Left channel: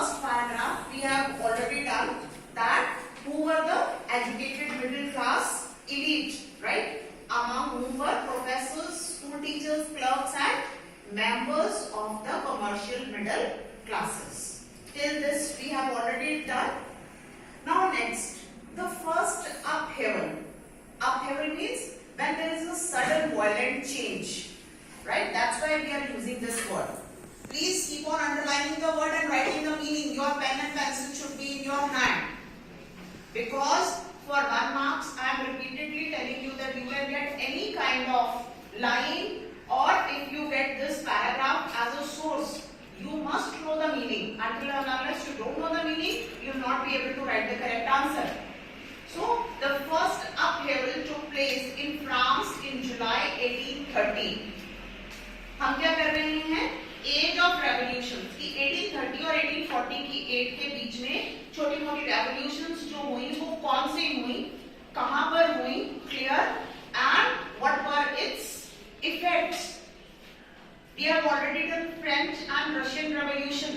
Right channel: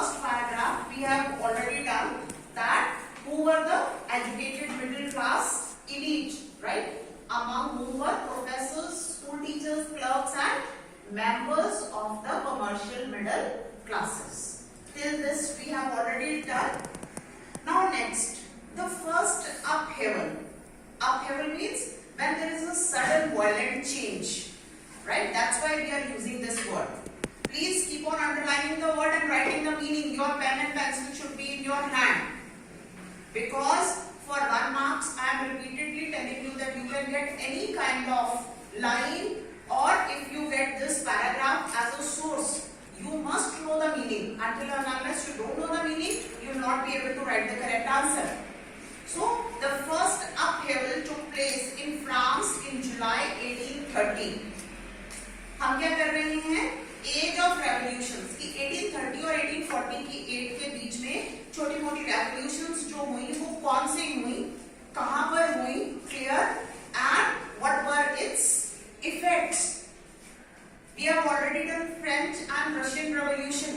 first paragraph we have already done that who were the educated middle class elite, right? Among whom were professors, school teachers, clerks and members of the commercial middle classes. Till this we have already done. Now next, the first upheaval. Upheaval means when there is a sudden violent change, right? That's why we are using this word. Please keep on underlining the word and writing the meaning. Your pen and pencil should be in your hand. Because for 1 mark, I am repeatedly telling you that you can get any kind of line, or if you get this paragraph as a source, you must know the meaning. Until and unless you don't know the meaning, you will not be able to write the correct answer. So, the first upheaval took place in France in July 1830. हम क्या कर रहे हैं? As of revolutions की 1830 और 1840 की as के बीच में छोटी मोटी रेवोल्यूशंस जो हुई वो कौन सी हुई, कहां पर हुई, clear, and what were its effects. We have already done French and Russian revolution,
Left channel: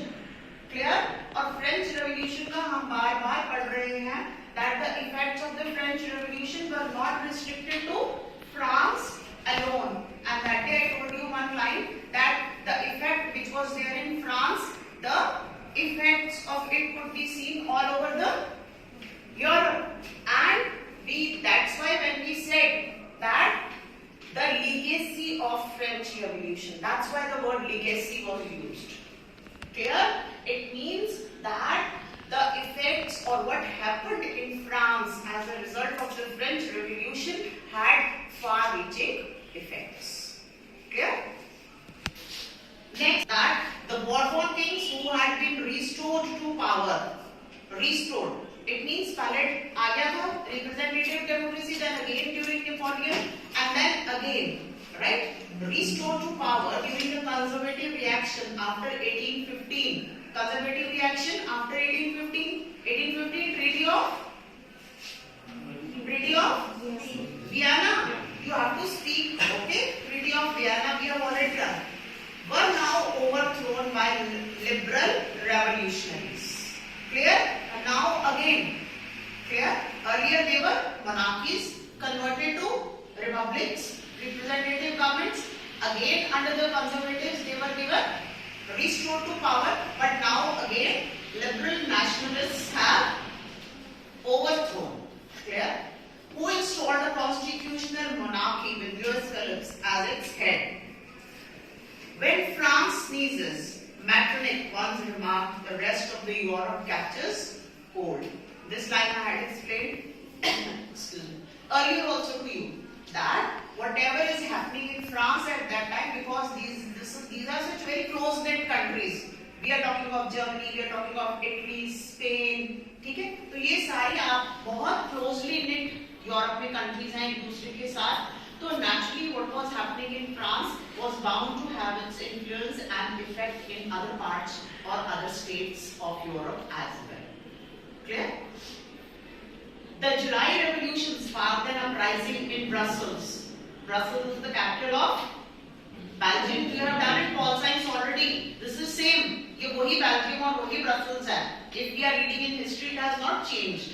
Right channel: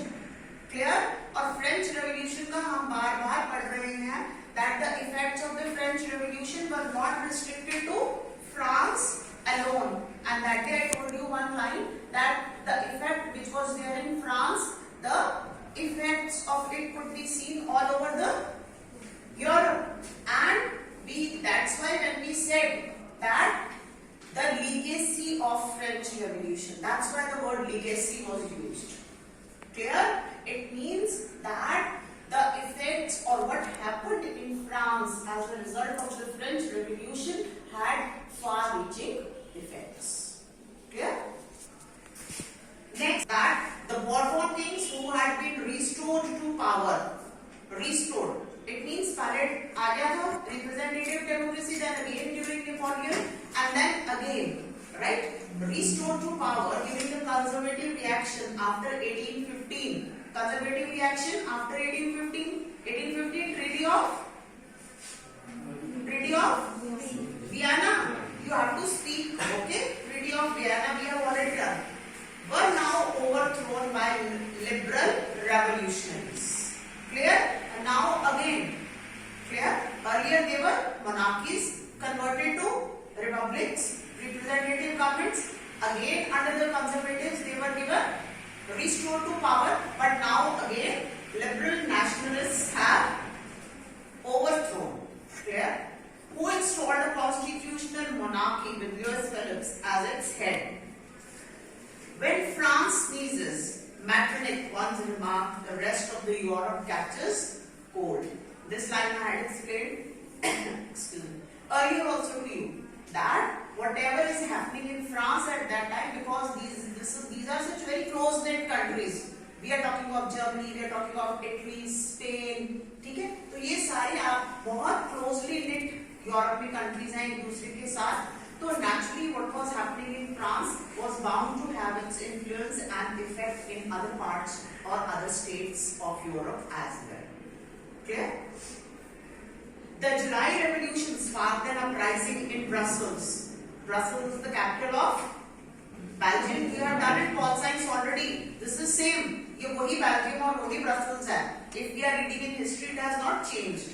clear, और फ्रेंच रेवोल्यूशन का हम बार बार पढ़ रहे हैं that the effects of the French Revolution were not restricted to France alone, and that day I told you one line that the effect which was there in France, the effects of it could be seen all over the Europe, and that's why when we said that the legacy of French Revolution, that's why the word legacy was used. Clear? It means that the effects or what happened in France as a result of the French Revolution had far-reaching effects. Clear? Next, that the Bourbon kings who had been restored to power. Restored. It means पहले आ गया था representative democracy, then again during Napoleon, and then again, right? Restored to power during the conservative reaction after 1815. Conservative reaction after 1815. 1815 Treaty of Vienna. You have to speak, okay? Treaty of Vienna we have already done. Were now overthrown by liberal revolutionaries. Clear? And now again, clear? Earlier they were monarchies converted to republics, representative governments. Again under the conservatives they were given restored to power, but now again liberal nationalists have overthrown. Clear? Who installed a constitutional monarchy with Louis Philippe as its head. When France sneezes, Metternich once remarked, the rest of the Europe catches cold. This line I had explained earlier also to you that whatever is happening in France at that time, because these are such very close-knit countries. We are talking of Germany, we are talking of Italy, Spain, ठीक है? तो ये सारी आप बहुत closely knit Europe में countries हैं एक दूसरे के साथ. तो naturally what was happening in France was bound to have its influence and effect in other parts or other states of Europe as well. Clear? The July Revolution sparked an uprising in Brussels. Brussels is the capital of Belgium. You have done it Paul Science already. This is same. ये वही Belgium और वही Brussels है. If we are reading in history, it has not changed.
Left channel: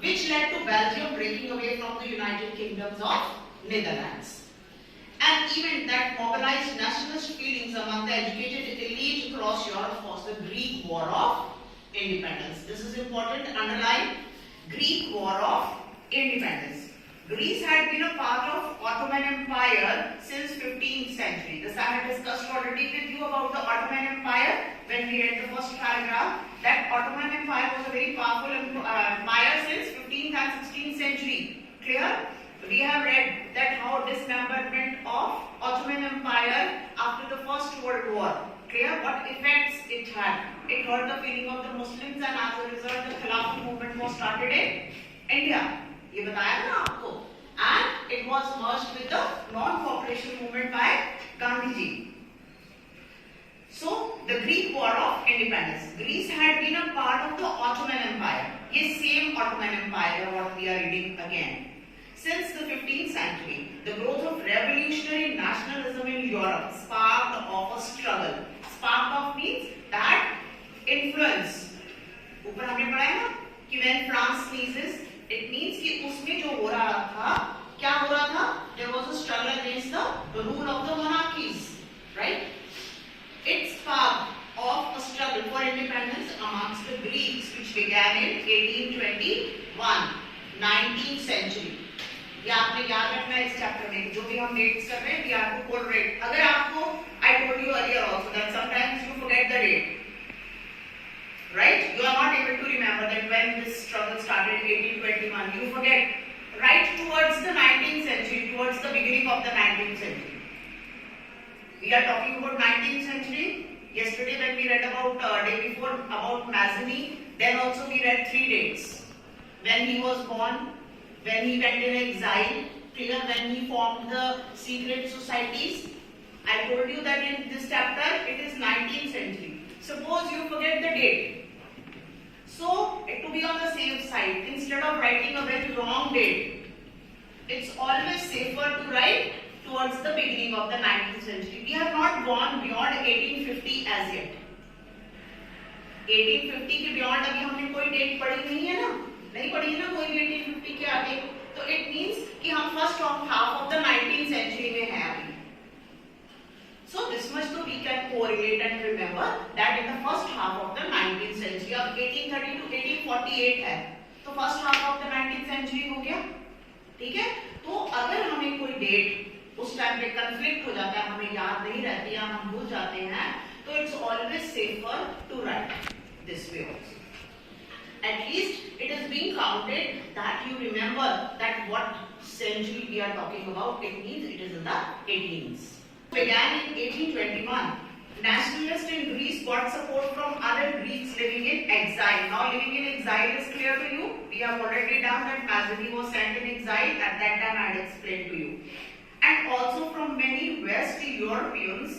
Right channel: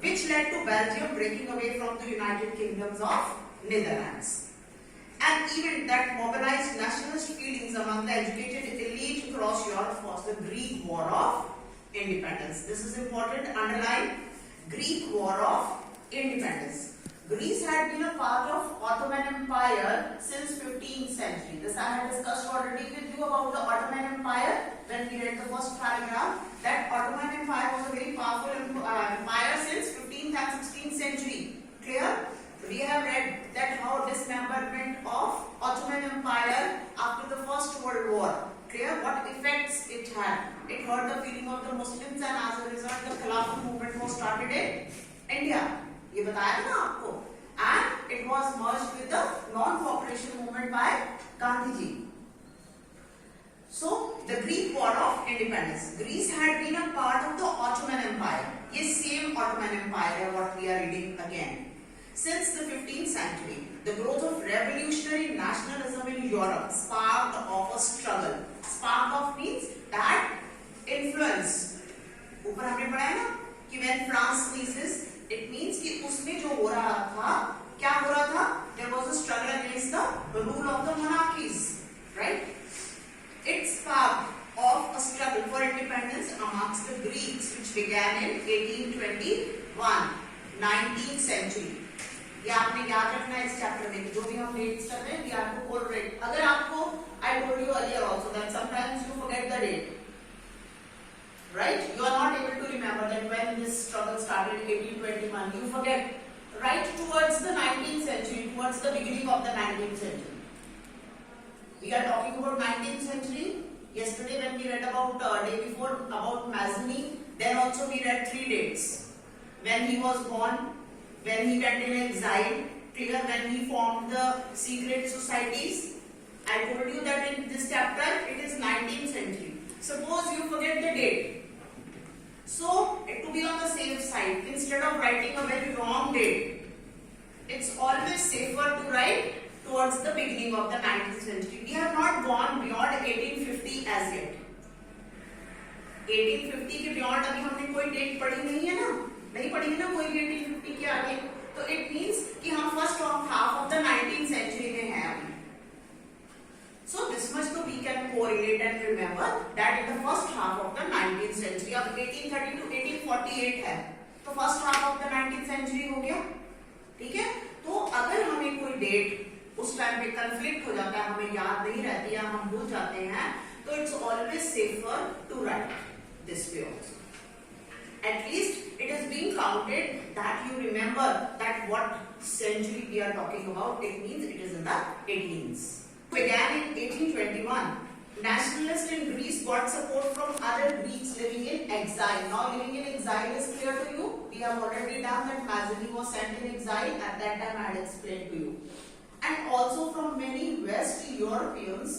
Which led to Belgium breaking away from the United Kingdoms of Netherlands. An event that mobilized nationalist feelings among the educated elite across Europe was the Greek War of Independence. This is important. Underline. Greek War of Independence. Greece had been a part of Ottoman Empire since 15th century. This I had discussed already with you about the Ottoman Empire when we read the first paragraph. That Ottoman Empire was a very powerful empire since 15th and 16th century. Clear? We have read that how dismemberment of Ottoman Empire after the First World War. Clear? What effects it had. It hurt the feeling of the Muslims, and as a result the Khilafat movement was started in India. ये बताया था ना आपको. And it was merged with the non-cooperation movement by Gandhi ji. So the Greek War of Independence. Greece had been a part of the Ottoman Empire. ये same Ottoman Empire what we are reading again. Since the 15th century, the growth of revolutionary nationalism in Europe sparked off a struggle. Sparked off means that influence influence, ऊपर हमने पढ़ा है ना कि when France sneezes, it means कि उसमें जो हो रहा था, क्या हो रहा था? There was a struggle against the rule of the monarchies, right? It sparked of a struggle for independence amongst the Greeks, which began in 1821, 19th century. ये आपने याद रखना है इस चैप्टर में, जो भी हम डेट्स कर रहे हैं, we are to quote date. अगर आपको, I told you earlier also that sometimes you forget the date, right? You are not able to remember that when this struggle started, 1821. You forget. Right towards the 19th century, towards the beginning of the 19th century. We are talking about 19th century. Yesterday when we read about day before about Mazzini, then also we read 3 dates. When he was born, when he went in exile, clear, when he formed the secret societies. I told you that in this chapter it is 19th century. Suppose you forget the date. So, to be on the safe side, instead of writing a very wrong date, it's always safer to write towards the beginning of the 19th century. We have not gone beyond 1850 as yet. 1850 के beyond अभी हमने कोई date पढ़ी नहीं है ना, नहीं पढ़ी है ना कोई भी 1850 के आगे, तो it means कि हम first half of the 19th century में हैं अभी. So this much तो we can correlate and remember that in the first half of the 19th century, अब 1830 to 1848 है, तो first half of the 19th century हो गया, ठीक है? तो अगर हमें कोई डेट उस टाइम पे कंफ्लिक्ट हो जाता है, हमें याद नहीं रहती है, हम भूल जाते हैं, तो it's always safer to write this way also. At least it is being counted that you remember that what century we are talking about. It means it is in the 18th. Began in 1821. Nationalists in Greece got support from other Greeks living in exile. Now living in exile is clear to you. We have already done that Mazzini was sent in exile. At that time I had explained to you. And also from many West Europeans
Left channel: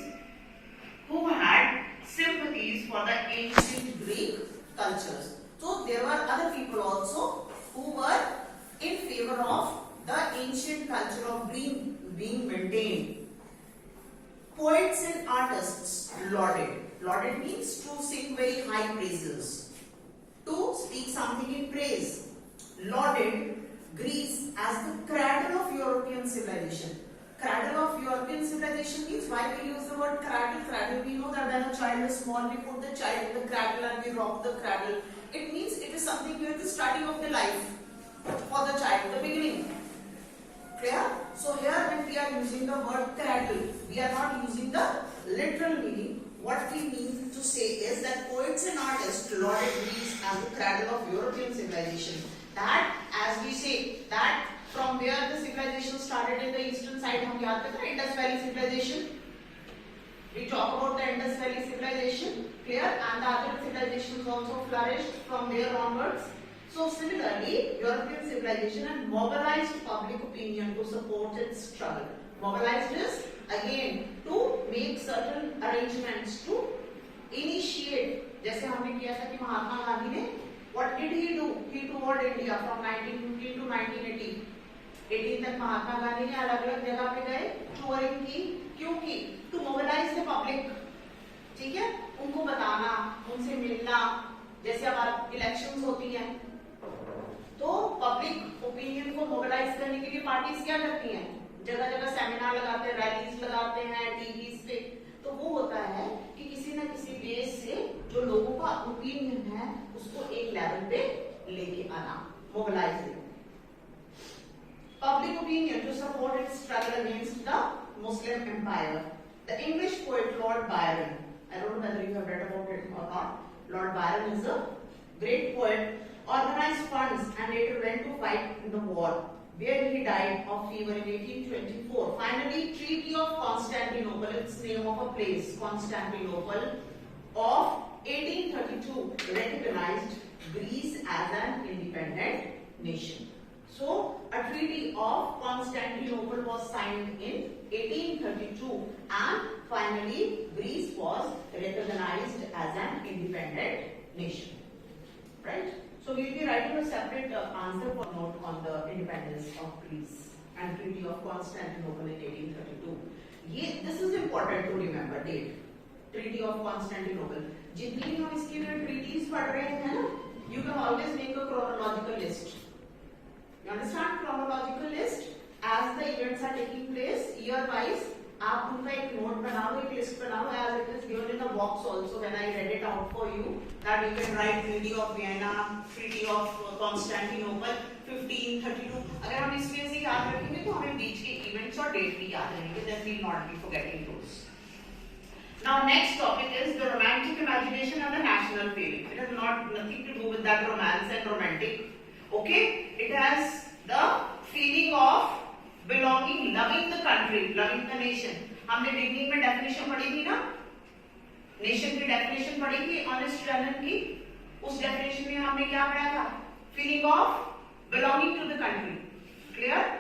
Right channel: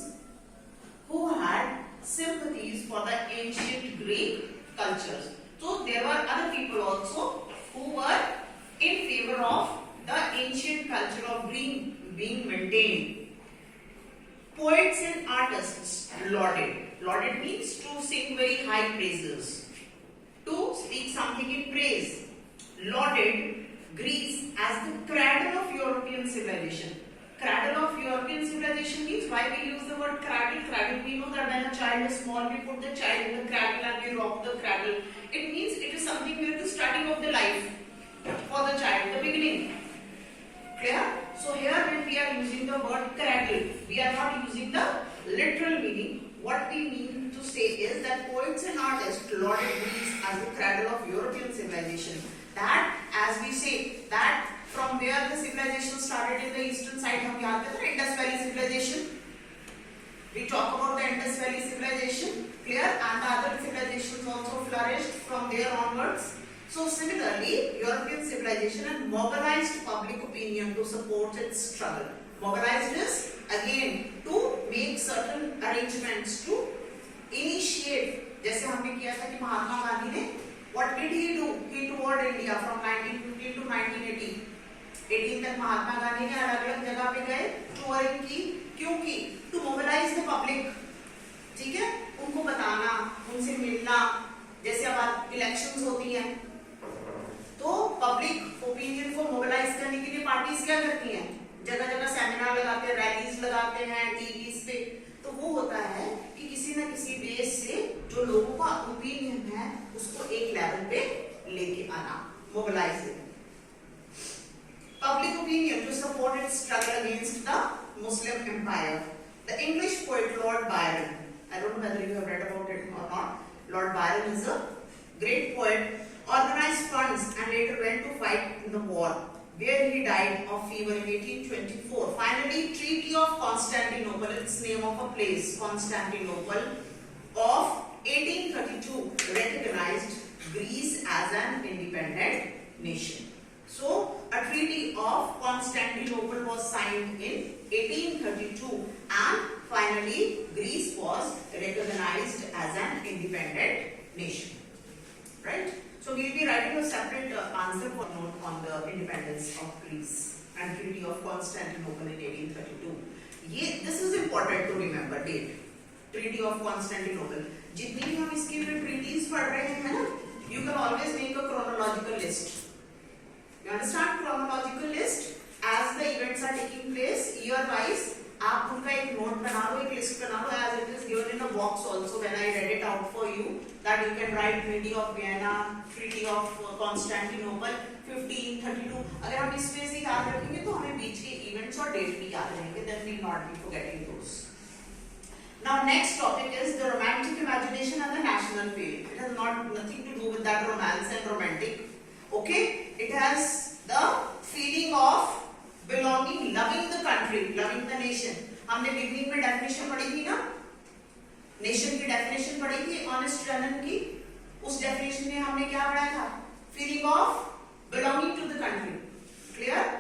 who had sympathies for the ancient Greek cultures. So there were other people also who were in favor of the ancient culture of being maintained. Poets and artists lauded. Lauded means to sing very high praises, to speak something in praise. Lauded Greece as the cradle of European civilization. Cradle of European civilization means why we use the word cradle. Cradle, we know that when a child is small, we put the child in the cradle and we rock the cradle. It means it is something with the starting of the life for the child, the beginning. Clear? So here when we are using the word cradle, we are not using the literal meaning. What we mean to say is that poets and artists lauded Greece as the cradle of European civilization. That, as we say, that from where the civilization started in the eastern side, हम याद करते हैं Indus Valley civilization. We talk about the Indus Valley civilization, clear, and the other civilizations also flourished from there onwards. So similarly, European civilization had mobilized public opinion to support its struggle. Mobilized is again to make certain arrangements to initiate. जैसे हमने किया था कि महात्मा गांधी ने what did he do? He toured India from 1915 to 1918. 18 तक महात्मा गांधी ने अलग-अलग जगह पे गए, टूरिंग की, क्यों की? To mobilize the public. ठीक है? उनको बताना, उनसे मिलना, जैसे अब इलेक्शंस होती हैं, तो पब्लिक ओपिनियन को मोबिलाइज करने के लिए पार्टीज क्या करती हैं? जगह जगह सेमिनार लगाते हैं, रैलीज लगाते हैं, टीवीज पे, तो वो होता है कि किसी न किसी बेस से जो लोगों का ओपिनियन है उसको एक लेवल पे लेके आना, mobilise. Public opinion to support its struggle against the Muslim Empire. The English poet Lord Byron, I don't know whether you have read about it or not. Lord Byron is a great poet. Organized funds and later went to fight in the war, where he died of fever in 1824. Finally, Treaty of Constantinople, it's name of a place, Constantinople, of 1832 recognized Greece as an independent nation. So, a Treaty of Constantinople was signed in 1832 and finally Greece was recognized as an independent nation. Right? So we will be writing a separate answer for note on the independence of Greece and Treaty of Constantinople in 1832. This is important to remember date. Treaty of Constantinople. जितनी भी हम इसकी treaties पढ़ रहे हैं ना, you can always make a chronological list. You understand chronological list? As the events are taking place year wise, आप उनका एक नोट बना लो, एक लिस्ट बना लो, as it is given in the box also when I read it out for you, that you can write Treaty of Vienna, Treaty of Constantinople, 1532. अगर हम इसमें से याद रखेंगे तो हमें बीच के इवेंट्स और डेट भी याद रहेंगे, then we will not be forgetting those. Now next topic is the romantic imagination and the national feeling. It has nothing to do with that romance and romantic. Okay, it has the feeling of belonging, loving the country, loving the nation. हमने beginning में definition पढ़ी थी ना, nation की definition पढ़ी थी honest रनन की. उस डेफिनेशन में हमने क्या पढ़ा था? Feeling of belonging to the country. Clear?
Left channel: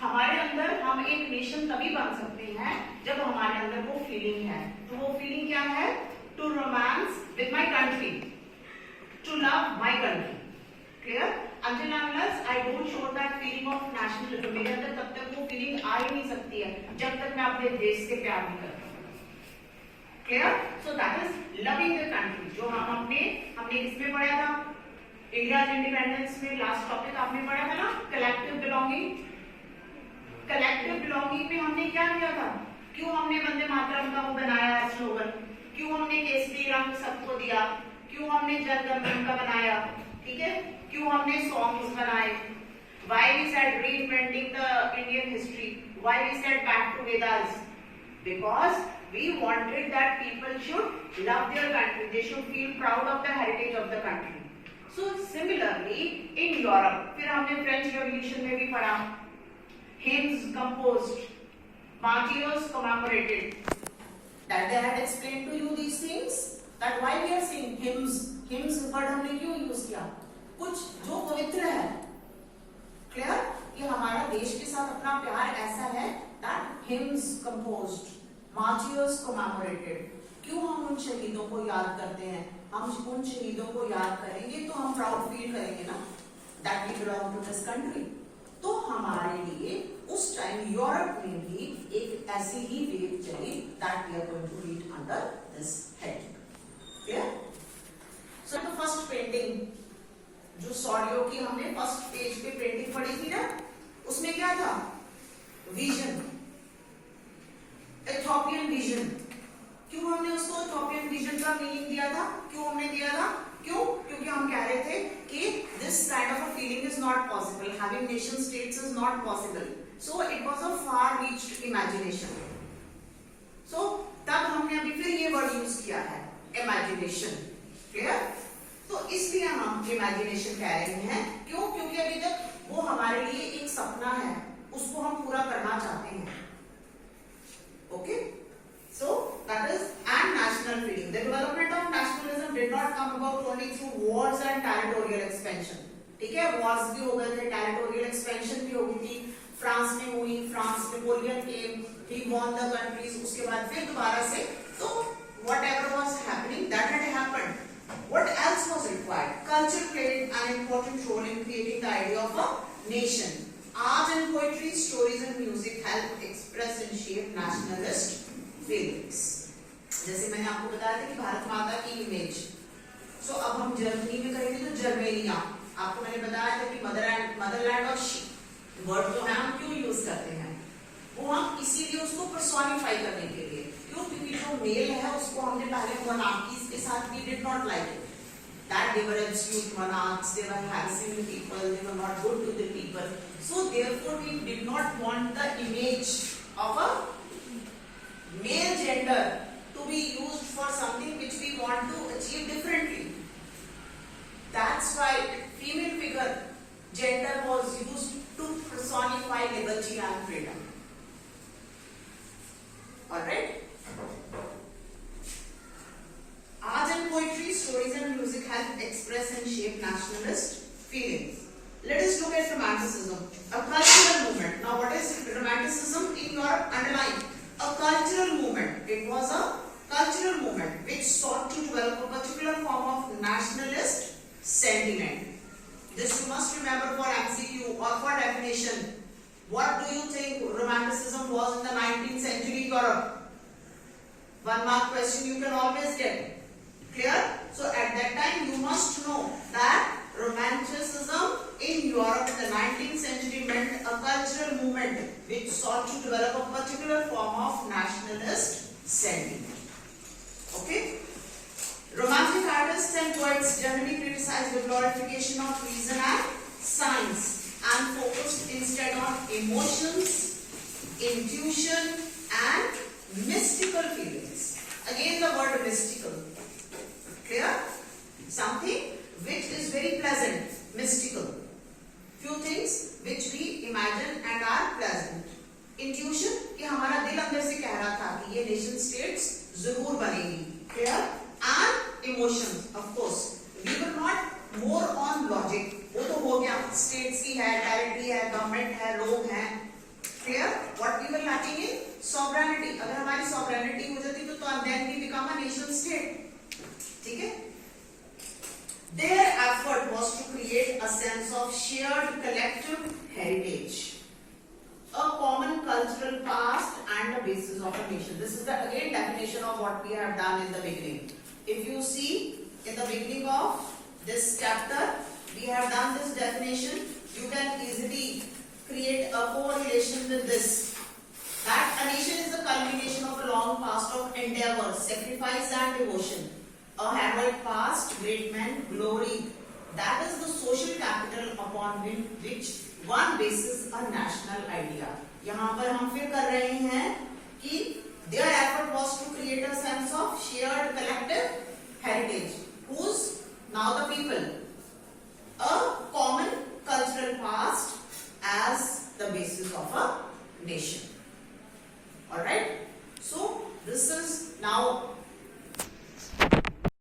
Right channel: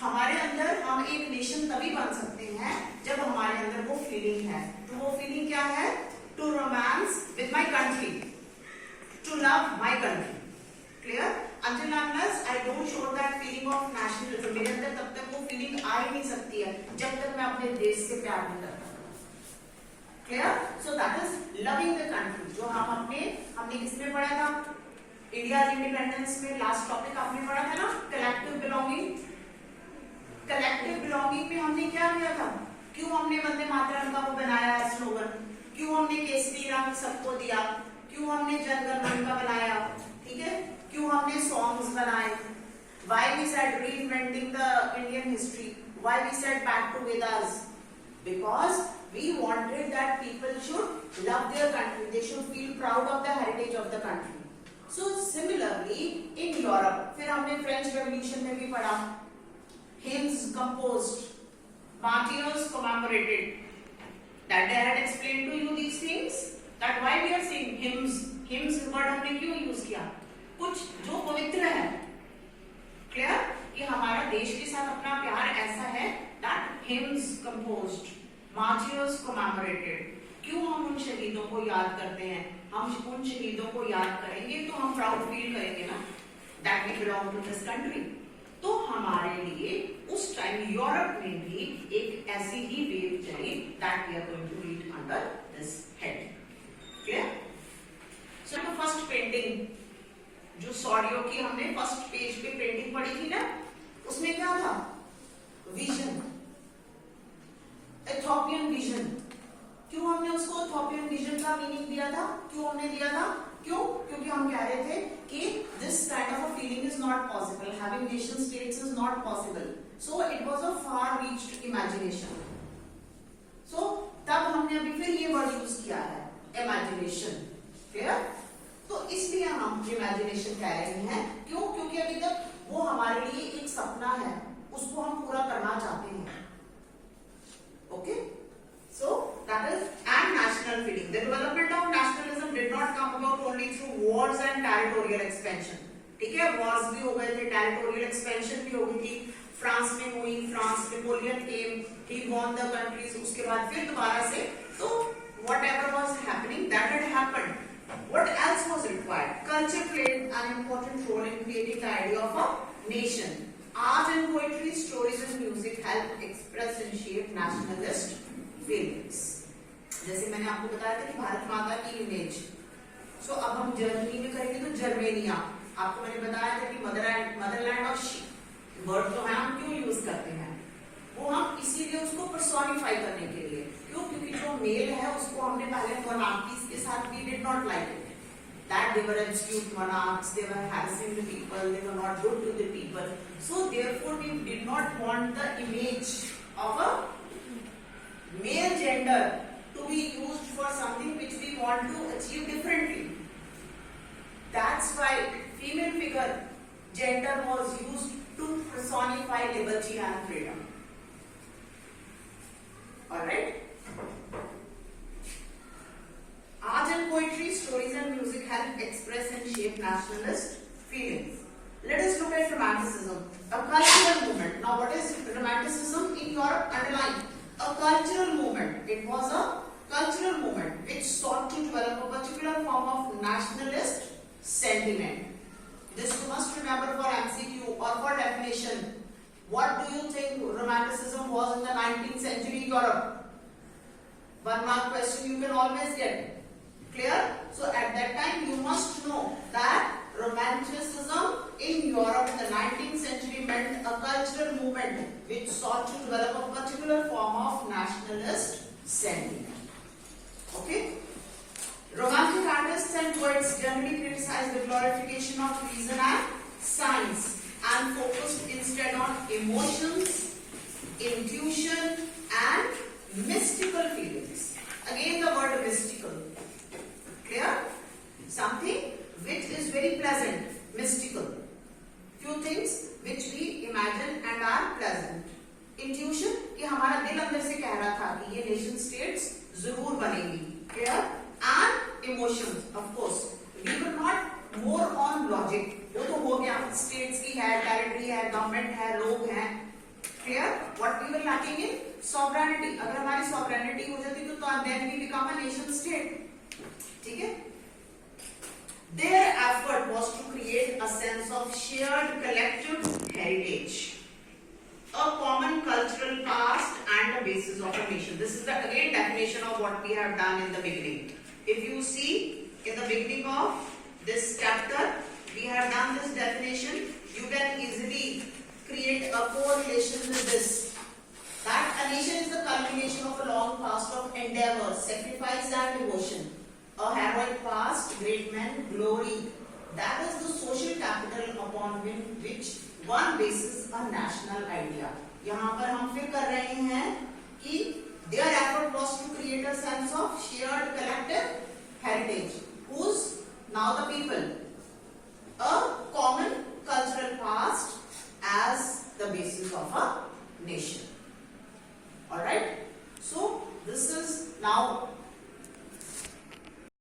हमारे अंदर हम एक नेशन तभी बन सकते हैं जब हमारे अंदर वो फीलिंग है. तो वो फीलिंग क्या है? To romance with my country, to love my country. Clear? Until unless I don't show that feeling of nationalism, मेरे अंदर तब तक वो फीलिंग आ ही नहीं सकती है जब तक मैं अपने देश से प्यार नहीं करता हूँ. Clear? So that is loving the country. जो हमने किसमें पढ़ा था? इंडिया इंडिपेंडेंस में लास्ट टॉपिक आपने पढ़ा था ना, कलेक्टिव बिलोंगिंग. कलेक्टिव बिलोंगिंग में हमने क्या किया था? क्यों हमने वंदे मातरम का वो बनाया स्लोगन? क्यों हमने केसरी रंग सबको दिया? क्यों हमने जन गण मन का बनाया? ठीक है, क्यों हमने सॉन्ग्स बनाए? Why we said reinventing the Indian history? Why we said back to Vedas? Because we wanted that people should love their country. They should feel proud of the heritage of the country. So similarly in Europe, फिर हमने French Revolution में भी पढ़ा. Hymns composed, martyrs commemorated. That they had explained to you these things. That why we are saying hymns. Hymns word हमने क्यों use किया? कुछ जो पवित्र है. क्लियर? कि हमारा देश के साथ अपना प्यार ऐसा है. That hymns composed, martyrs commemorated. क्यों हम उन शहीदों को याद करते हैं? हम उन शहीदों को याद करेंगे तो हम प्राउड फील करेंगे ना, that we belong to this country. तो हमारे लिए उस टाइम यूरोप में भी एक ऐसी ही वेव चली, that we are going to read under this head. Clear? So the first painting जो सॉडियो की हमने फर्स्ट पेज पे पेंटिंग पढ़ी थी ना, उसमें क्या था? Vision, Ethiopian vision. क्यों हमने उसको इथोपियन विजन का मीनिंग दिया था? क्यों हमने दिया था? क्यों? क्योंकि हम कह रहे थे कि this kind of a feeling is not possible, having nation states is not possible. So it was a far reached imagination. So तब हमने अभी फिर ये वर्ड यूज किया है, इमेजिनेशन. क्लियर? तो इसलिए हम इमेजिनेशन कह रहे हैं. क्यों? क्योंकि अभी तक वो हमारे लिए एक सपना है, उसको हम पूरा करना चाहते हैं. Okay, so that is and national feeling. The development of nationalism did not come about only through Wars and territorial expansion. ठीक है, वॉर्स भी हो गए थे, टेरिटोरियल एक्सपेंशन भी हो गई थी. फ्रांस में हुई, France Napoleon came, he won the countries. उसके बाद फिर दोबारा से, तो whatever was happening that had happened. What else was required? Culture played an important role in creating the idea of a nation. Art and poetry, stories and music help express and shape nationalist feelings. जैसे मैंने आपको बताया था कि भारत माता की image. सो अब हम जर्मनी में करेंगे तो जर्मेनिया. आपको मैंने बताया था कि मदरलैंड और वर्ड जो है हम क्यों यूज करते हैं? वो हम इसीलिए उसको पर्सोनिफाई करने के लिए. क्यों? क्योंकि जो मेल है उसको हमने पहले मोनार्कीज के साथ we did not like it. That they were absolute monarchs, they were harassing the people, they were not good to the people. So therefore we did not want the image of a male gender to be used for something which we want to achieve differently. That's why female figure gender was used to personify liberty and freedom. Alright? Art and poetry, stories and music help express and shape nationalist feelings. Let us look at romanticism, a cultural movement. Now what is romanticism in Europe? Underline, a cultural movement. It was a cultural movement which sought to develop a particular form of nationalist sentiment. This you must remember for MCQ or for definition. What do you think romanticism was in the 19th century Europe? 1 mark question you can always get. Clear? So at that time you must which sought to develop a particular form of nationalist sentiment. Okay? Romantic artists and poets generally criticized the glorification of reason and science and focused instead on emotions, intuition and mystical feelings. Again the word mystical. Clear? Something which is very pleasant, mystical. Few things which we imagine and are pleasant. Intuition कि हमारा दिल अंदर से कह रहा था कि ये नेशन स्टेट्स जरूर बनेगी. Clear? And emotions, of course. We were not more on logic. वो तो हो गया, states की है, territory है, government है, लोग हैं. Clear? What we were lacking in sovereignty. अगर हमारी sovereignty हो जाती तो then we become a nation state. ठीक है? Their effort was to create a sense of shared collective heritage, a common cultural past and a basis of a nation. This is the again definition of what we have done in the beginning. If you see in the beginning of this chapter, we have done this definition. You can easily create a correlation with this. That a nation is the culmination of a long past of endeavor, sacrifice and devotion. A heroic past, great men, glory. That is the social capital upon which one bases a national idea. यहाँ पर हम फिर कर रहे हैं कि their effort was to create a sense of shared collective